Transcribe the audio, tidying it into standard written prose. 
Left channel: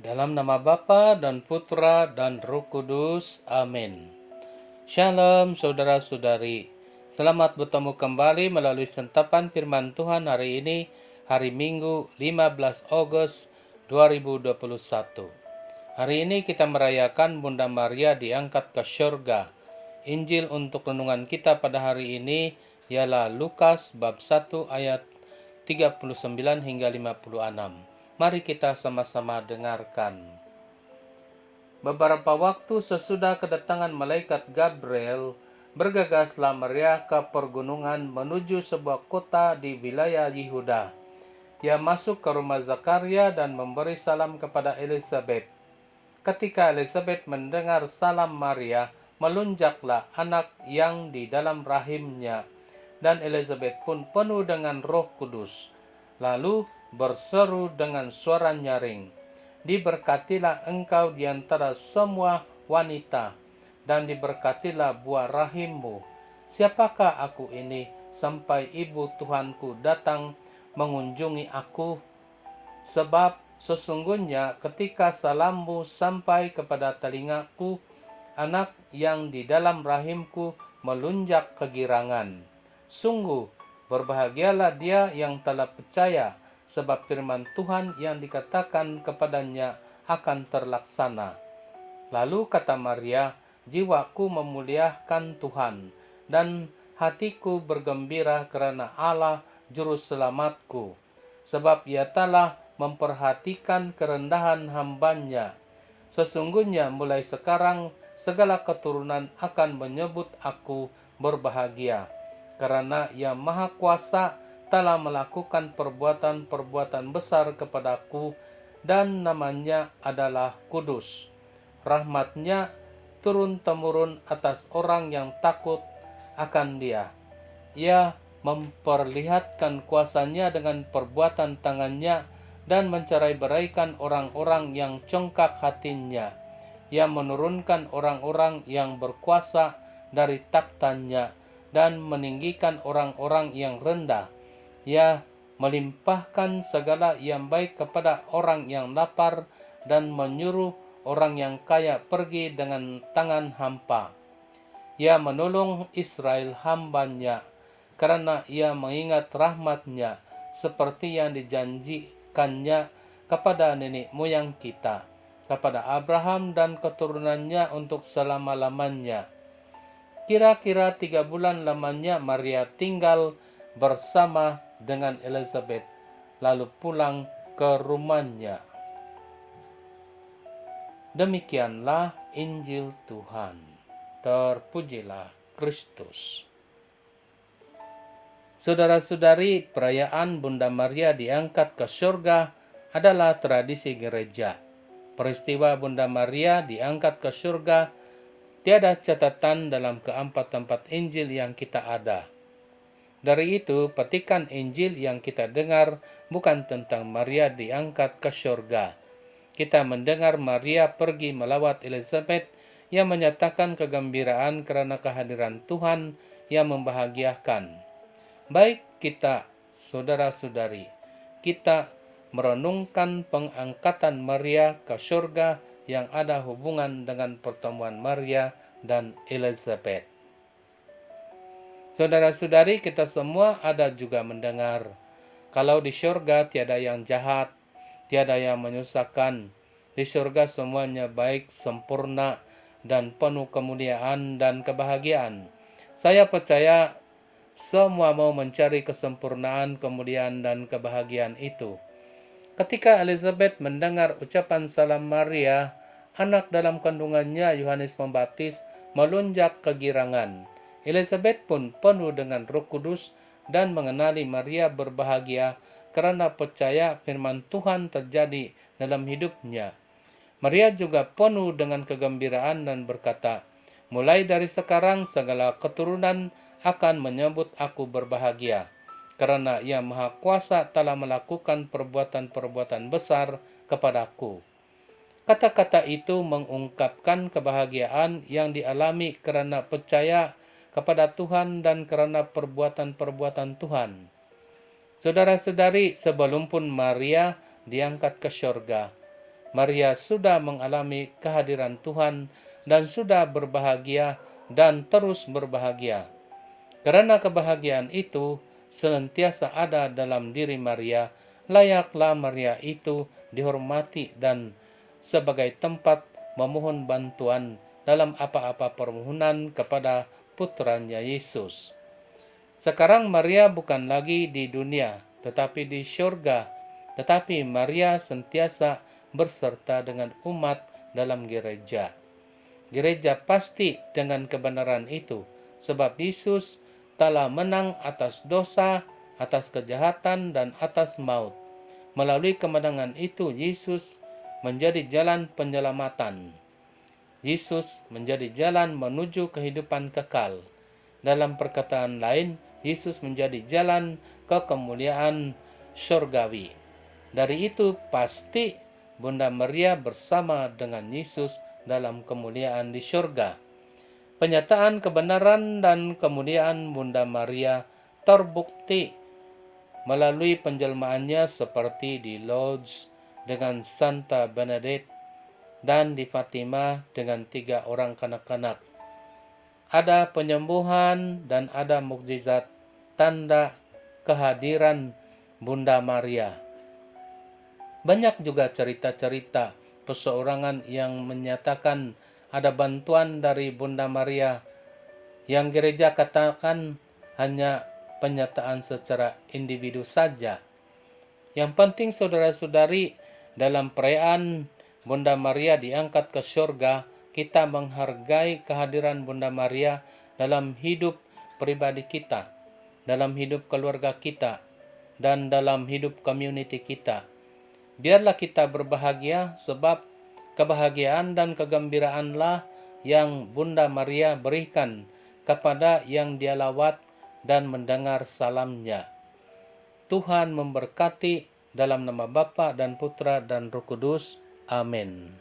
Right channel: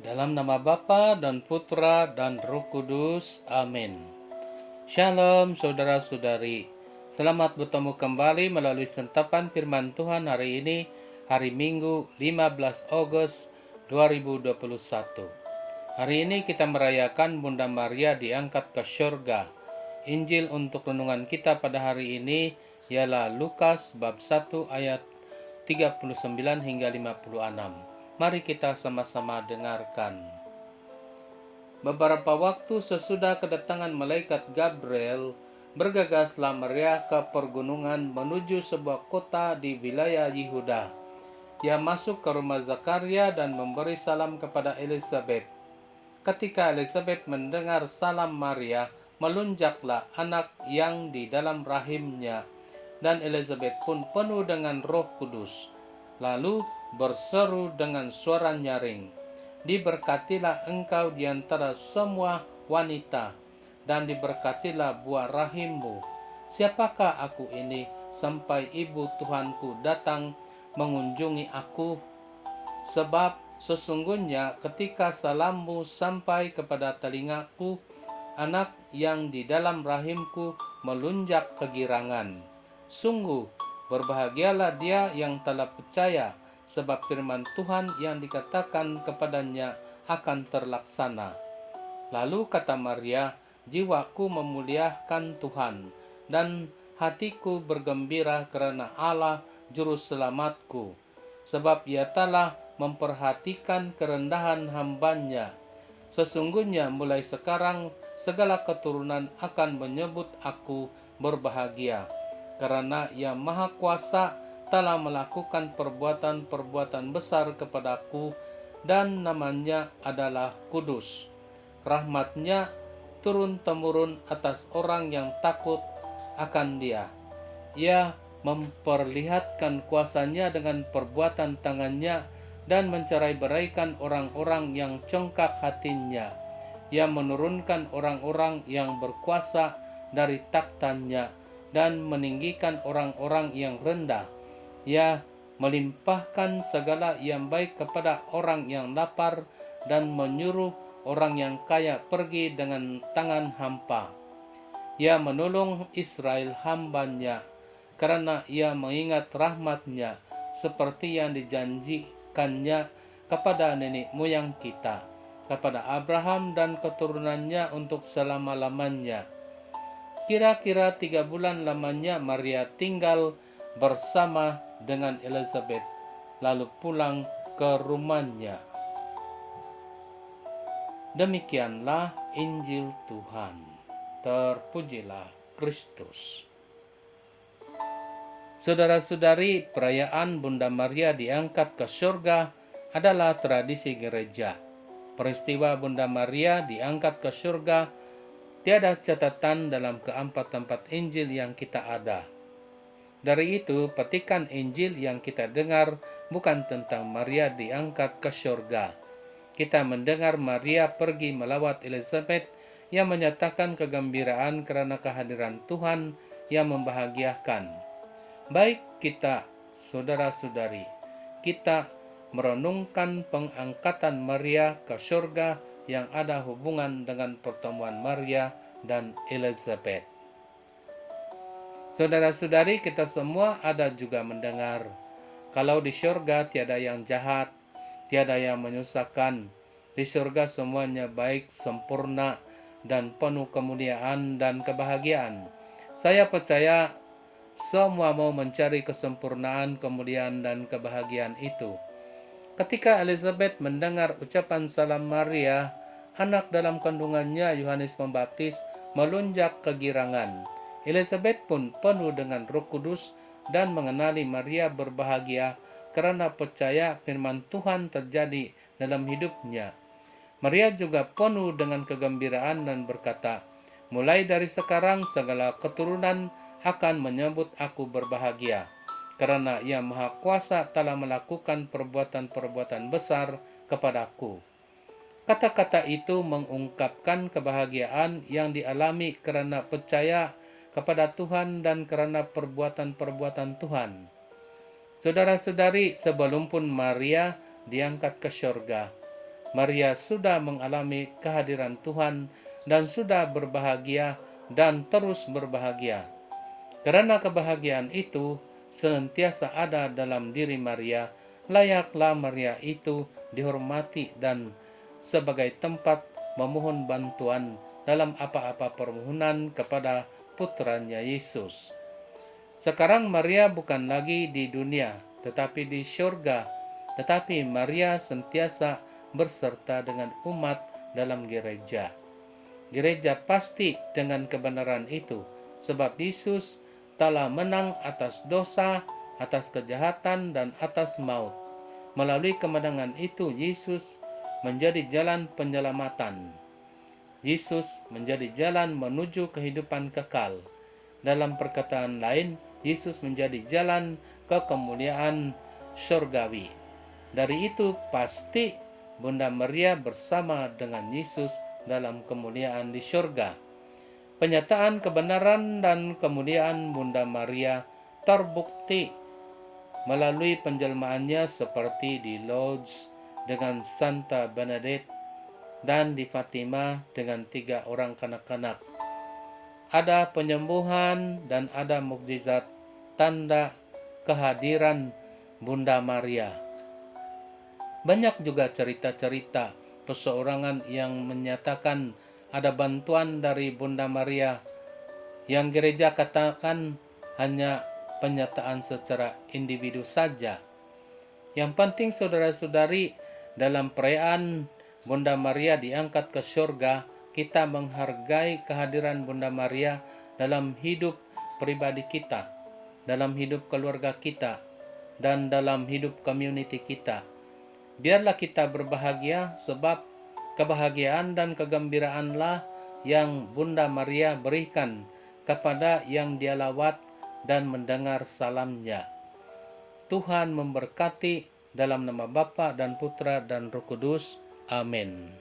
Dalam nama Bapa dan Putra dan Roh Kudus. Amin. Shalom saudara-saudari. Selamat bertemu kembali melalui sentapan firman Tuhan hari ini, hari Minggu 15 Agustus 2021. Hari ini kita merayakan Bunda Maria diangkat ke syurga. Injil untuk renungan kita pada hari ini ialah Lukas bab 1 ayat 39 hingga 56. Mari kita sama-sama dengarkan. Beberapa waktu sesudah kedatangan malaikat Gabriel, bergegaslah Maria ke pergunungan menuju sebuah kota di wilayah Yehuda. Ia masuk ke rumah Zakaria dan memberi salam kepada Elizabeth. Ketika Elizabeth mendengar salam Maria, melunjaklah anak yang di dalam rahimnya, dan Elizabeth pun penuh dengan Roh Kudus. Lalu berseru dengan suara nyaring, "Diberkatilah engkau di antara semua wanita, dan diberkatilah buah rahimmu. Siapakah aku ini sampai ibu Tuhanku datang mengunjungi aku? Sebab sesungguhnya ketika salammu sampai kepada telingaku, anak yang di dalam rahimku melunjak kegirangan. Sungguh, berbahagialah dia yang telah percaya, sebab firman Tuhan yang dikatakan kepadanya akan terlaksana." Lalu kata Maria, "Jiwaku memuliakan Tuhan, dan hatiku bergembira karena Allah Juru Selamatku, sebab Ia telah memperhatikan kerendahan hamba-Nya. Sesungguhnya mulai sekarang segala keturunan akan menyebut aku berbahagia, karena Ia Maha Kuasa telah melakukan perbuatan-perbuatan besar kepadaku, dan namanya adalah kudus. Rahmat-Nya turun-temurun atas orang yang takut akan Dia. Ia memperlihatkan kuasa-Nya dengan perbuatan tangan-Nya dan mencerai-beraikan orang-orang yang congkak hatinya. Ia menurunkan orang-orang yang berkuasa dari takhta-Nya dan meninggikan orang-orang yang rendah. Ia melimpahkan segala yang baik kepada orang yang lapar dan menyuruh orang yang kaya pergi dengan tangan hampa. Ia menolong Israel hamba-Nya, karena Ia mengingat rahmat-Nya seperti yang dijanjikannya kepada nenek moyang kita, kepada Abraham dan keturunannya untuk selama-lamanya. Kira-kira 3 bulan lamanya Maria tinggal bersama dengan Elizabeth, lalu pulang ke rumahnya. Demikianlah Injil Tuhan. Terpujilah Kristus. Saudara-saudari, perayaan Bunda Maria diangkat ke surga adalah tradisi gereja. Peristiwa Bunda Maria diangkat ke surga tiada catatan dalam keempat tempat Injil yang kita ada. Dari itu, petikan Injil yang kita dengar bukan tentang Maria diangkat ke surga. Kita mendengar Maria pergi melawat Elizabeth yang menyatakan kegembiraan karena kehadiran Tuhan yang membahagiakan. Baik kita, saudara-saudari, kita merenungkan pengangkatan Maria ke surga yang ada hubungan dengan pertemuan Maria dan Elizabeth. Saudara-saudari, kita semua ada juga mendengar, kalau di surga tiada yang jahat, tiada yang menyusahkan. Di surga semuanya baik, sempurna, dan penuh kemuliaan dan kebahagiaan. Saya percaya semua mau mencari kesempurnaan, kemuliaan, dan kebahagiaan itu. Ketika Elizabeth mendengar ucapan salam Maria, anak dalam kandungannya Yohanes Pembaptis melunjak kegirangan. Elizabeth pun penuh dengan Roh Kudus dan mengenali Maria berbahagia karena percaya firman Tuhan terjadi dalam hidupnya. Maria juga penuh dengan kegembiraan dan berkata, "Mulai dari sekarang segala keturunan akan menyebut aku berbahagia, karena Ia Maha Kuasa telah melakukan perbuatan-perbuatan besar kepadaku." Kata-kata itu mengungkapkan kebahagiaan yang dialami karena percaya kepada Tuhan dan karena perbuatan-perbuatan Tuhan. Saudara-saudari, sebelum pun Maria diangkat ke surga, Maria sudah mengalami kehadiran Tuhan dan sudah berbahagia dan terus berbahagia. Karena kebahagiaan itu senantiasa ada dalam diri Maria, layaklah Maria itu dihormati dan sebagai tempat memohon bantuan dalam apa-apa permohonan kepada putranya Yesus. Sekarang Maria bukan lagi di dunia, tetapi di surga. Tetapi Maria sentiasa berserta dengan umat dalam gereja. Gereja pasti dengan kebenaran itu, sebab Yesus telah menang atas dosa, atas kejahatan, dan atas maut. Melalui kemenangan itu, Yesus menjadi jalan penyelamatan. Yesus menjadi jalan menuju kehidupan kekal. Dalam perkataan lain, Yesus menjadi jalan ke kemuliaan surgawi. Dari itu pasti Bunda Maria bersama dengan Yesus dalam kemuliaan di surga. Penyataan kebenaran dan kemuliaan Bunda Maria terbukti melalui penjelmaannya seperti di Lourdes dengan Santa Benedict dan di Fatima dengan 3 orang kanak-kanak. Ada penyembuhan dan ada mukjizat tanda kehadiran Bunda Maria. Banyak juga cerita-cerita peseorangan yang menyatakan ada bantuan dari Bunda Maria yang gereja katakan hanya penyataan secara individu saja. Yang penting saudara-saudari, dalam perayaan Bunda Maria diangkat ke surga, kita menghargai kehadiran Bunda Maria dalam hidup pribadi kita, dalam hidup keluarga kita, dan dalam hidup community kita. Biarlah kita berbahagia, sebab kebahagiaan dan kegembiraanlah yang Bunda Maria berikan kepada yang dia lawat dan mendengar salamnya. Tuhan memberkati dalam nama Bapa dan Putra dan Roh Kudus. Amin.